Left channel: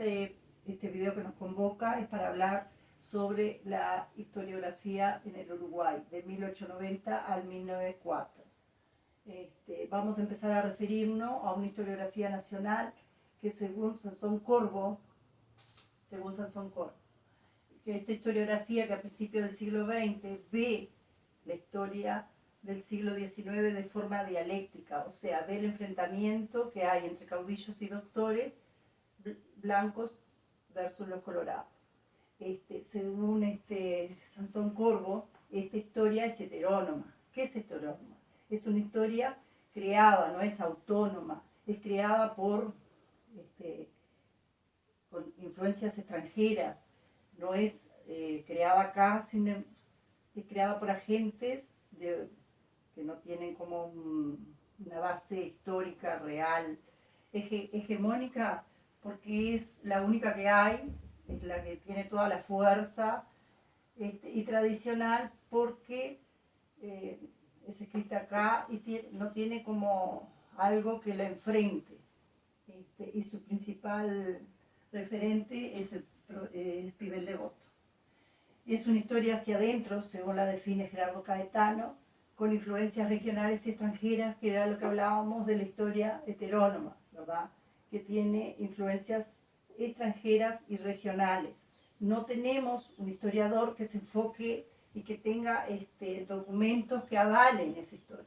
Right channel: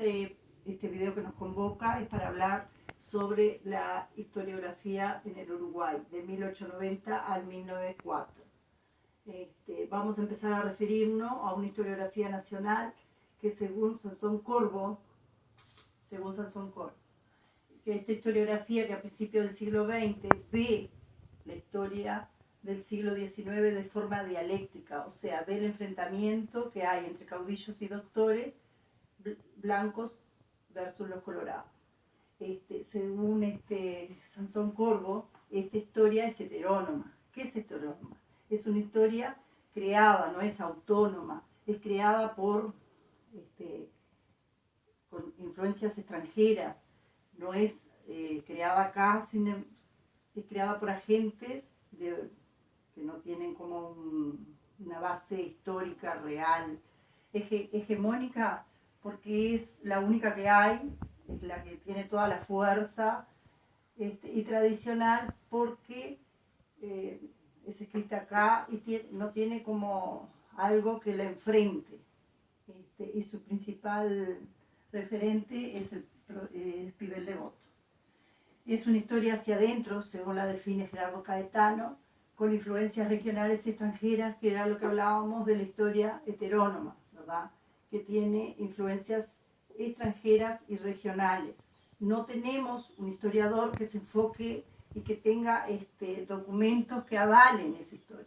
este video que nos convoca es para hablar sobre la historiografía en el Uruguay, de 1890 al 1904. Vamos a empezar a referirnos a una historiografía nacional que según Sansón Corbo, que esta historiografía que a principios del siglo XX ve la historia del siglo XIX de forma dialéctica, o sea, ve el enfrentamiento que hay entre caudillos y doctores blancos versus los colorados. Según Sansón Corbo, esta historia es heterónoma. ¿Qué es heterónoma? Es una historia creada, no es autónoma, es creada por con influencias extranjeras, no es creada acá, sino es creada por agentes que no tienen como una base histórica real, hegemónica, porque es la única que hay, es la que tiene toda la fuerza, y tradicional porque es escrita acá y no tiene como algo que la enfrente, y su principal referente es el Pibel Devoto. Es una historia hacia adentro, según la define Gerardo Caetano, con influencias regionales y extranjeras, que era lo que hablábamos de la historia heterónoma, ¿verdad? Que tiene influencias extranjeras y regionales. No tenemos un historiador que se enfoque y que tenga documentos que avalen esa historia.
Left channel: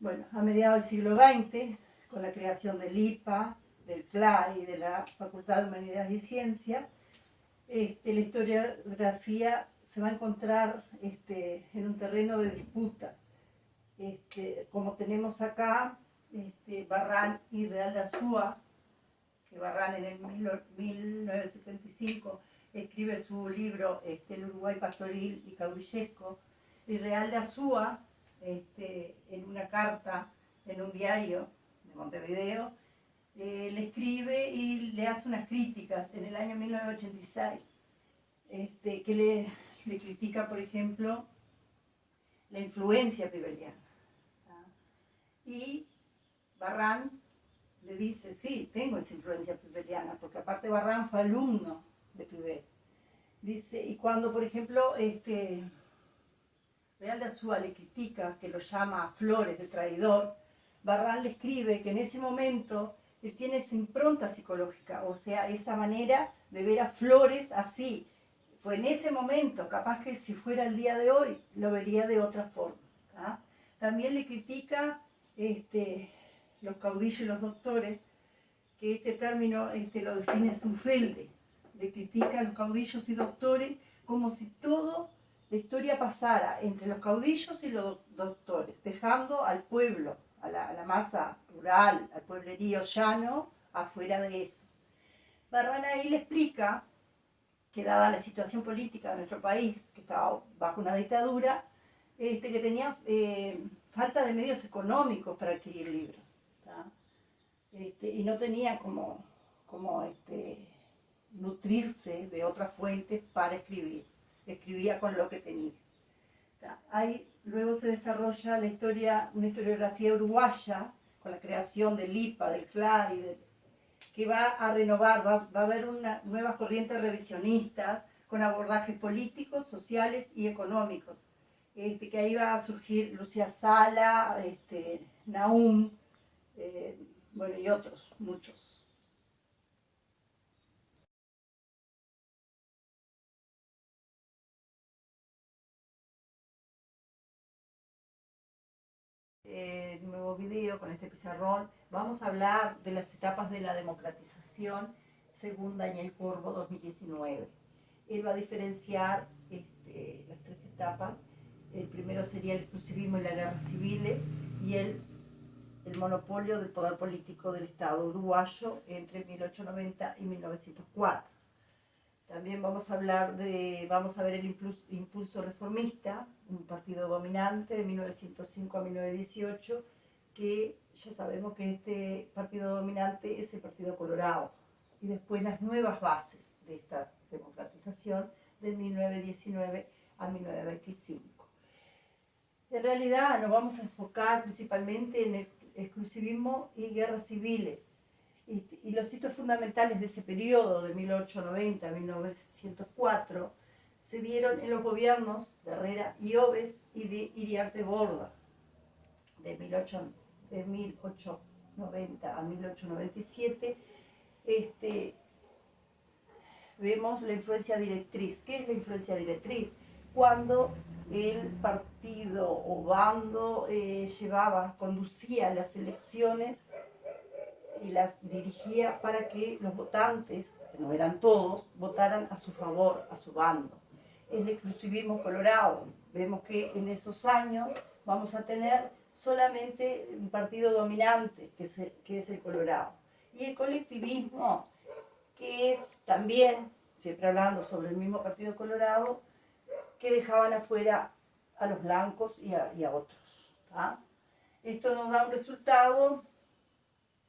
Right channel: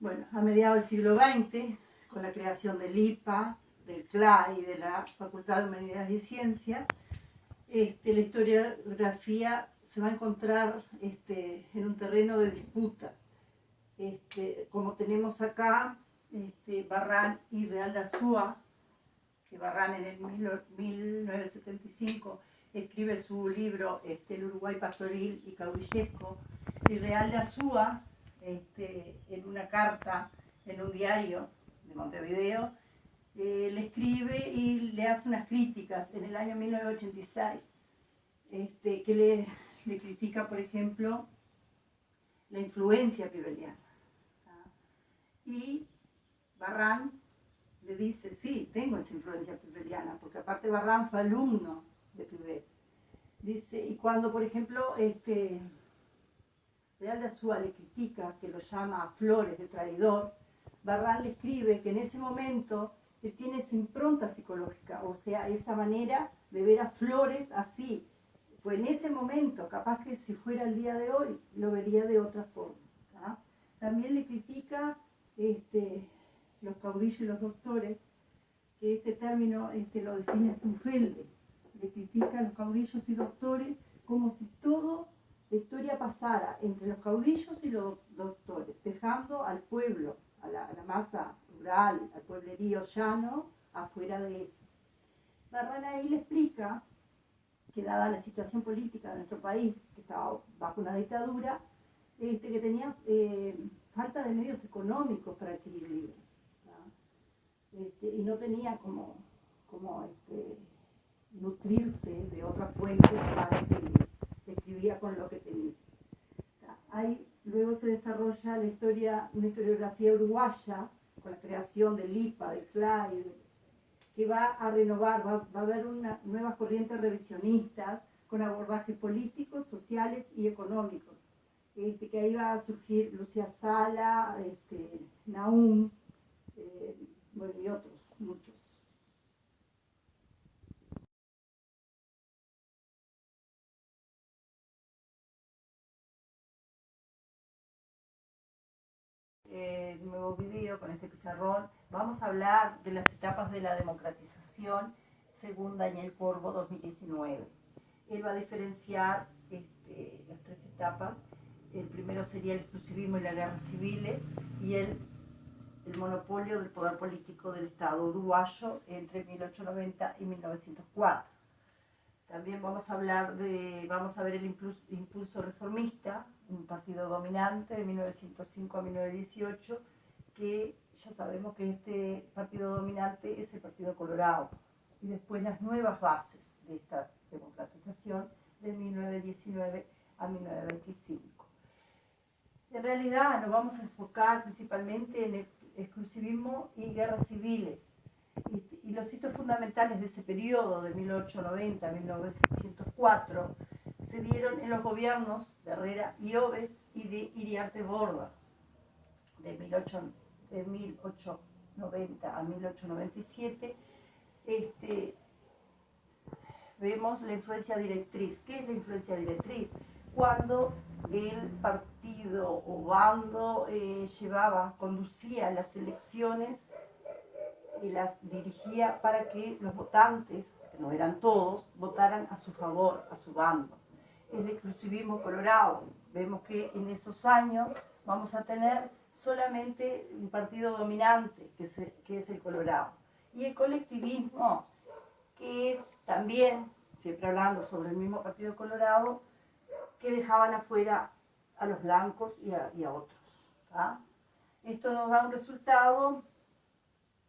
Bueno, a mediados del siglo XX, con la creación del IPA, del CLA y de la Facultad de Humanidades y Ciencias, la historiografía se va a encontrar en un terreno de disputa. Como tenemos acá Barrán y Real de Azúa, que Barrán en el 1975 escribe su libro El Uruguay pastoril y caudillesco, y Real de Azúa, en una carta en un diario de Montevideo, le escribe y le hace unas críticas en el año 1986, que le critica, por ejemplo, la influencia pibeliana. Y Barrán le dice, sí, tengo esa influencia pibeliana, porque aparte Barrán fue alumno de Pibel. Dice, y cuando, por ejemplo, Real de Azúa le critica, que lo llama Flores de traidor, Barrán le escribe que en ese momento él tiene esa impronta psicológica, o sea, esa manera de ver a Flores así. Fue en ese momento, capaz que si fuera el día de hoy, lo vería de otra forma. ¿Tá? También le critica los caudillos y los doctores, que este término lo define Zufelde. Le critica a los caudillos y doctores como si toda la historia pasara entre los caudillos y los doctores, dejando al pueblo, a la masa rural, al pueblerío llano, afuera de eso. Barrán ahí le explica que dada la situación política de nuestro país, que estaba bajo una dictadura, que tenía falta de medios económicos para adquirir libros, y no tenía como nutrirse de otras fuentes para escribir. Escribía con lo que tenía. Ahí luego se desarrolla la historia, una historiografía uruguaya, con la creación del IPA, del CLA, que va a renovar, va a haber nuevas corrientes revisionistas con abordajes políticos, sociales y económicos. Que ahí va a surgir Lucía Sala, Nahum, bueno, y otros, muchos. Nuevo video con este pizarrón, vamos a hablar de las etapas de la democratización según Daniel Corbo 2019. Él va a diferenciar las tres etapas. El primero sería el exclusivismo y las guerras civiles, y el monopolio del poder político del Estado uruguayo entre 1890 y 1904. También vamos a ver el impulso reformista, un partido dominante de 1905 a 1918, que ya sabemos que este partido dominante es el Partido Colorado. Y después las nuevas bases de esta democratización de 1919 a 1925. En realidad nos vamos a enfocar principalmente en el exclusivismo y guerras civiles. Y los hitos fundamentales de ese periodo, de 1890 a 1904, se dieron en los gobiernos de Herrera y Oves y de Iriarte Borda, de 1890 a 1897. Vemos la influencia directriz. ¿Qué es la influencia directriz? Cuando el partido o bando conducía las elecciones y las dirigía para que los votantes, que no eran todos, votaran a su favor, a su bando. El exclusivismo colorado. Vemos que en esos años vamos a tener solamente un partido dominante, que es el Colorado. Y el colectivismo, que es también, siempre hablando sobre el mismo partido Colorado, que dejaban afuera a los blancos y a otros. ¿tá? Esto nos da un resultado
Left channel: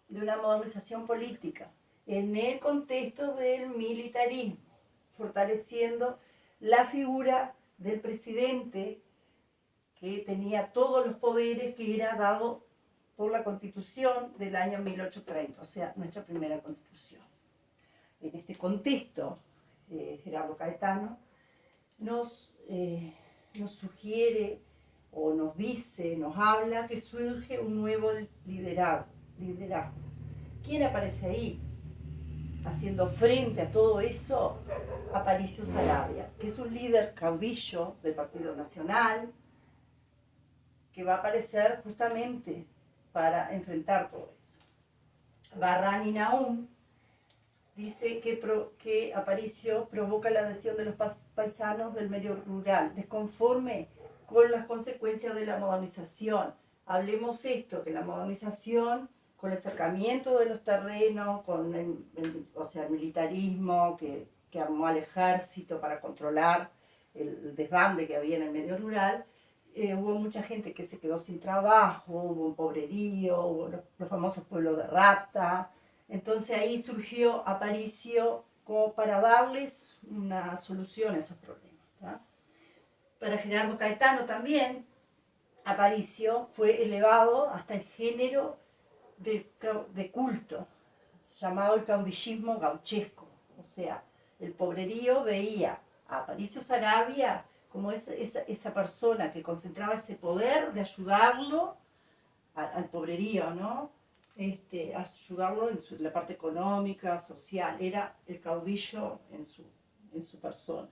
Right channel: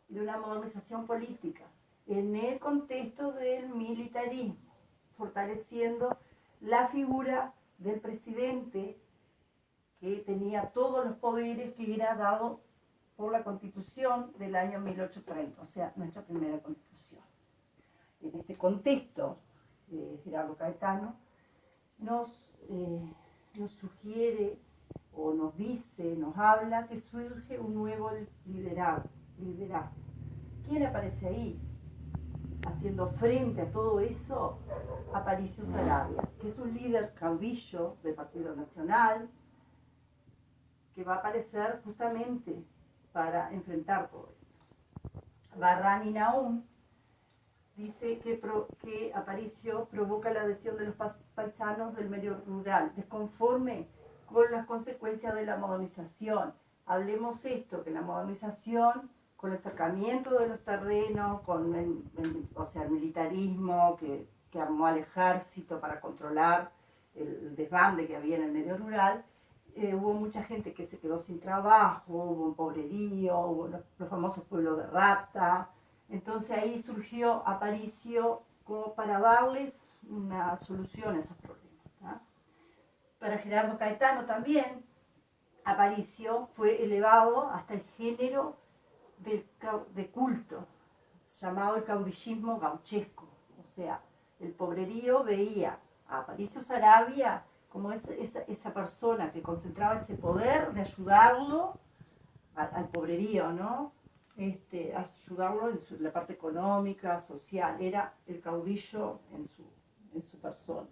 de una modernización política en el contexto del militarismo, fortaleciendo la figura del presidente que tenía todos los poderes que era dado por la Constitución del año 1830, o sea, nuestra primera Constitución. En este contexto, Gerardo Caetano nos sugiere o nos dice, nos habla que surge un nuevo liderazgo. ¿Quién aparece ahí? Haciendo frente a todo eso, Aparicio Saravia, que es un líder caudillo del Partido Nacional, que va a aparecer justamente para enfrentar todo eso. Barrani Nahum dice que Aparicio provoca la adhesión de los paisanos del medio rural, desconforme con las consecuencias de la modernización. Hablemos esto, que la modernización, con el acercamiento de los terrenos, con el militarismo que armó al ejército para controlar el desbande que había en el medio rural, hubo mucha gente que se quedó sin trabajo, hubo un pobrerío, hubo los famosos pueblos de rata. Entonces ahí surgió Aparicio como para darles una solución a esos problemas. ¿tá? Para Gerardo Caetano también, Aparicio fue elevado hasta el género de culto, llamado el caudillismo gauchesco. O sea, el pobrerío veía a Aparicio Saravia como esa persona que concentraba ese poder de ayudarlo al pobrerío, ¿no? Ayudarlo en la parte económica, social. Era el caudillo en su persona.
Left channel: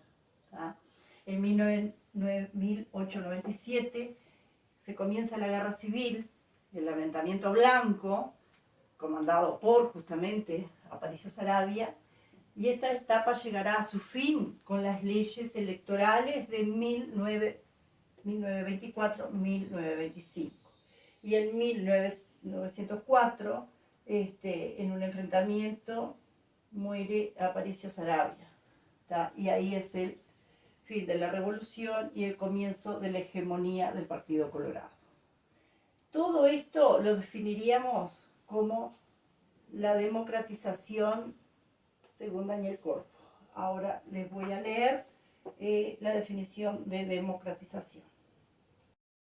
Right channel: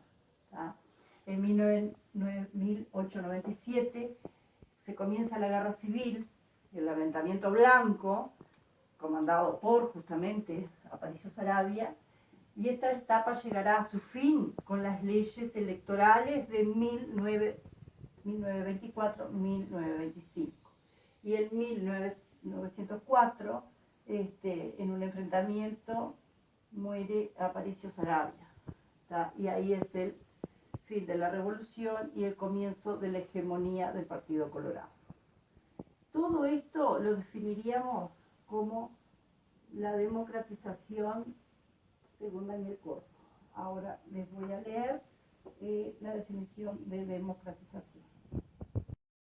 ¿tá? En 1897 se comienza la guerra civil, el levantamiento blanco, comandado por justamente Aparicio Saravia, y esta etapa llegará a su fin con las leyes electorales de 1924-1925. Y en 1904, en un enfrentamiento, muere Aparicio Saravia. ¿tá? Y ahí es el fin de la revolución y el comienzo de la hegemonía del Partido Colorado. Todo esto lo definiríamos como la democratización según Daniel Corpo. Ahora les voy a leer la definición de democratización.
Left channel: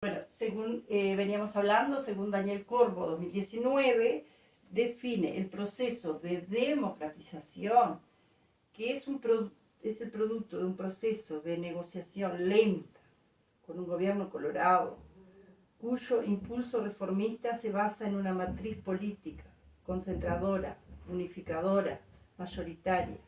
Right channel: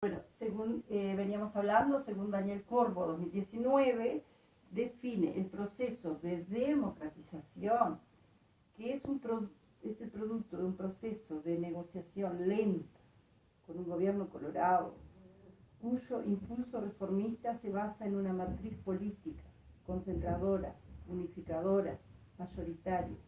Bueno, según veníamos hablando, según Daniel Corpo 2019, define el proceso de democratización, que es el producto de un proceso de negociación lenta con un gobierno colorado, cuyo impulso reformista se basa en una matriz política concentradora, unificadora, mayoritaria.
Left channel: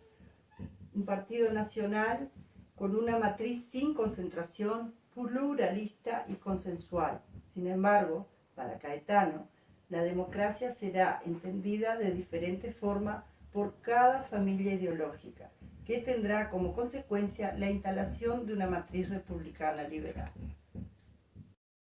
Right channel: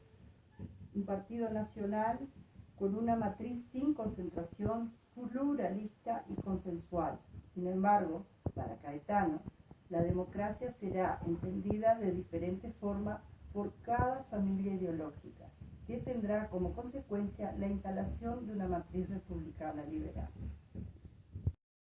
Un partido nacional con una matriz sin concentración, pluralista y consensual. Sin embargo, para Caetano, la democracia será entendida de diferente forma por cada familia ideológica, que tendrá como consecuencia la instalación de una matriz republicana liberal.